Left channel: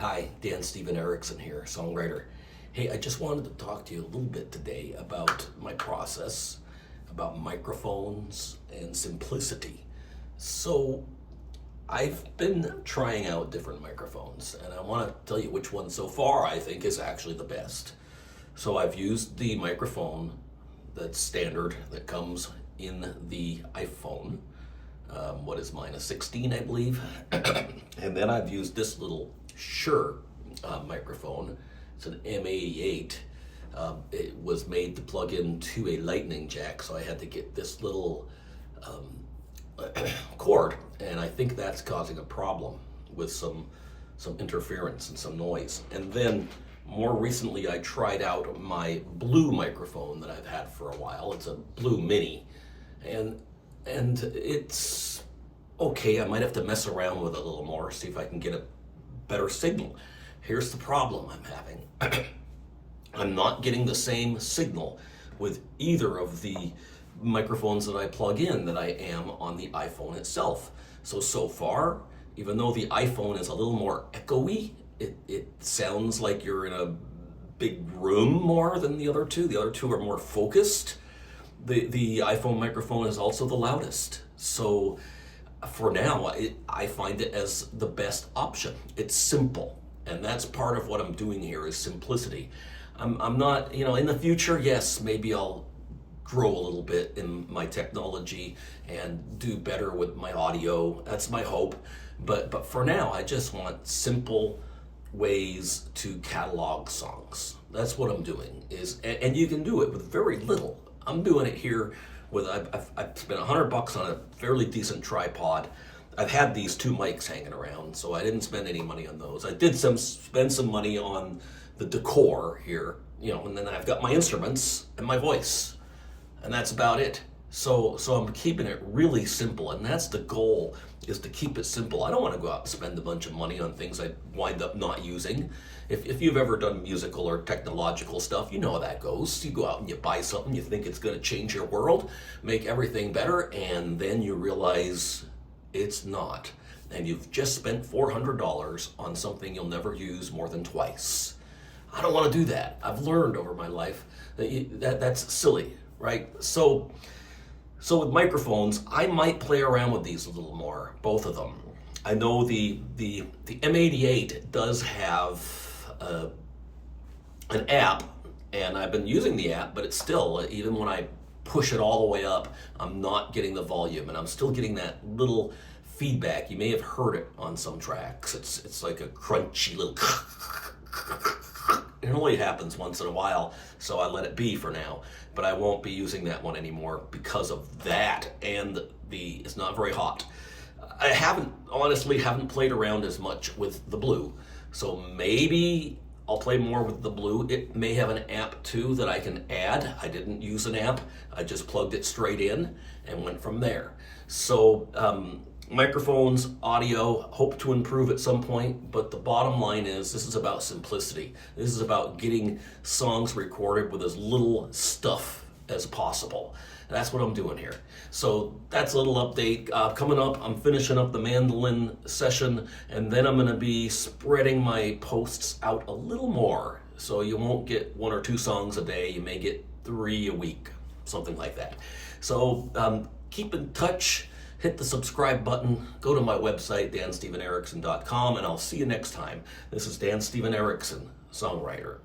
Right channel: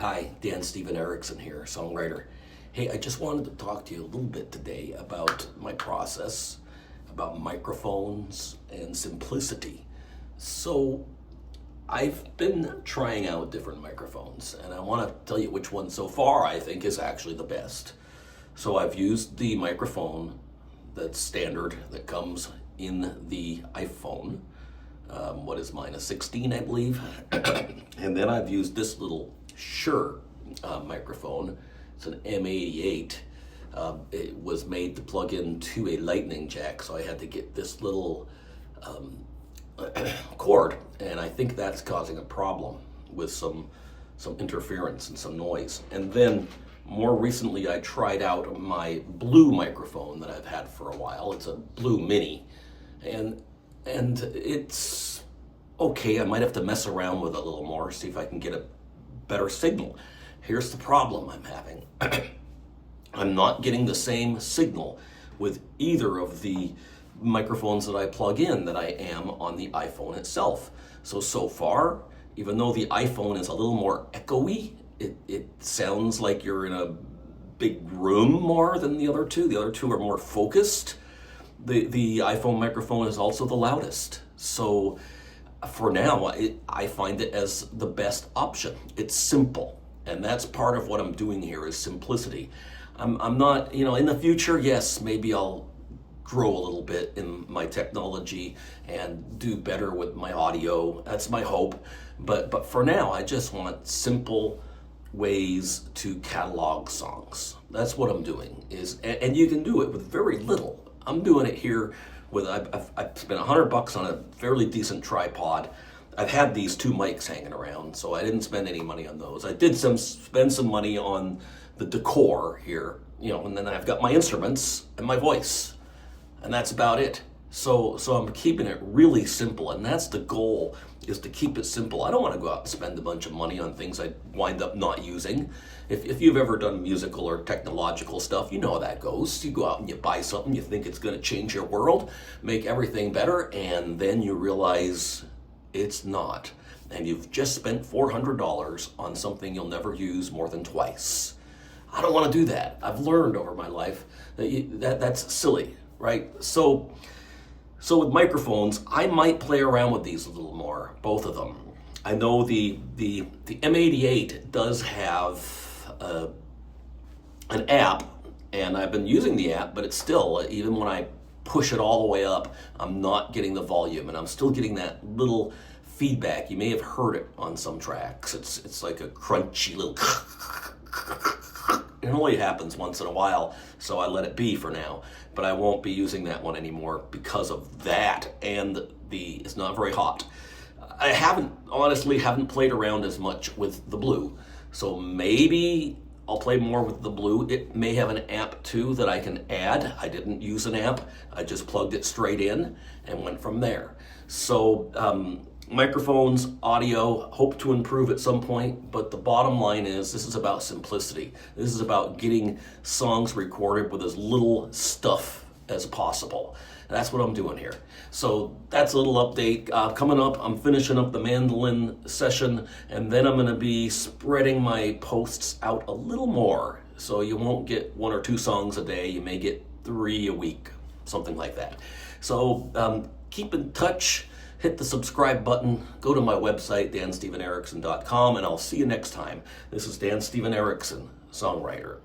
Hi, Dan Steven Erickson here, songwriter. Hey, I just wanted to talk to you a little bit today about my process, about microphones and simplicity. So, I've been trying out different microphones, and I want to tell you which one so far I think is actually the best. So, I've used the microphone that's standard that comes in the iPhone. What is mine, a 16, I believe? And then I've used this little Shure microphone. It's an M88. It was made to plug into a lightning jack, so I had to get this little cord, and I think that's causing a problem with some interference and some noise. And then more recently, I tried out my Blue microphone that I've had for a while. It's a Blue Mini, and it's okay. I might have to mess around with it a little more, see if I can get a better signal. Here's the problem I'm having. I'm not getting the same signal with either of the microphones that I plug in that I am on the iPhone itself. So far, even though the iPhone is a little more echoey, it sounds like you're in a big room more than the other two. The other two are more focused. The iPhone microphone is also the loudest. So for now, I find it as the best option. It's simple. And that's part of what I'm doing here is simplicity. I'm not, in the future, yes, maybe I'll grow a little bit in my technology and do better with my audio. That's my hope. But for now, I just want simple ways to catalog songs. That's what I'm doing. And you can do it with very little. I'm doing it here with, I've spent $100 on a fairly decent tripod. I've had these two mics hanging around, so I didn't spend any money on those. I did spend some money on the decor here, and then I've got my instruments and my voice, and that's about it. So I'm keeping it really simple, and that's the goal, is to keep it simple. I don't want to go out and spend a bunch of money on things I wind up not using. If you've ever done musical or technological stuff, you know how that goes. You go out and you buy something, you think it's going to change your world, make everything better, and then you realize it's not. And you've just spent $400 on something you'll never use more than twice. I don't want to do that. I've learned over my life that that's silly, right? So with microphones, I might play around with these a little more, both of them. I know the M88 does have an app, and I've been using the app, but it's still, even when I push it all the way up, I'm not getting the volume, and I'm still getting that little feedback. You may have heard it on some tracks. It's like a crunchy little it only happens once in a while, so I let it be for now. But I won't be using that one anymore because of that, and it's not very hot. I honestly haven't played around as much with the Blue, so maybe I'll play more with the Blue. It may have an amp too that I can add. I didn't use an amp. I just plugged it straight in and went from there. So microphones, audio, hope to improve at some point, but the bottom line is this is about simplicity. This is about getting songs recorded with as little stuff as possible. And that's what I'm doing here. So that's a little update. Coming up, I'm finishing up the mandolin session, and then I'm going to be spreading my posts out a little more. So you won't get 1 or 2 songs a day. You may get 3 a week, something like that. So keep in touch. Hit the subscribe button. Go to my website, danstevenerickson.com, and I'll see you next time. This is Dan Steven Erickson, songwriter.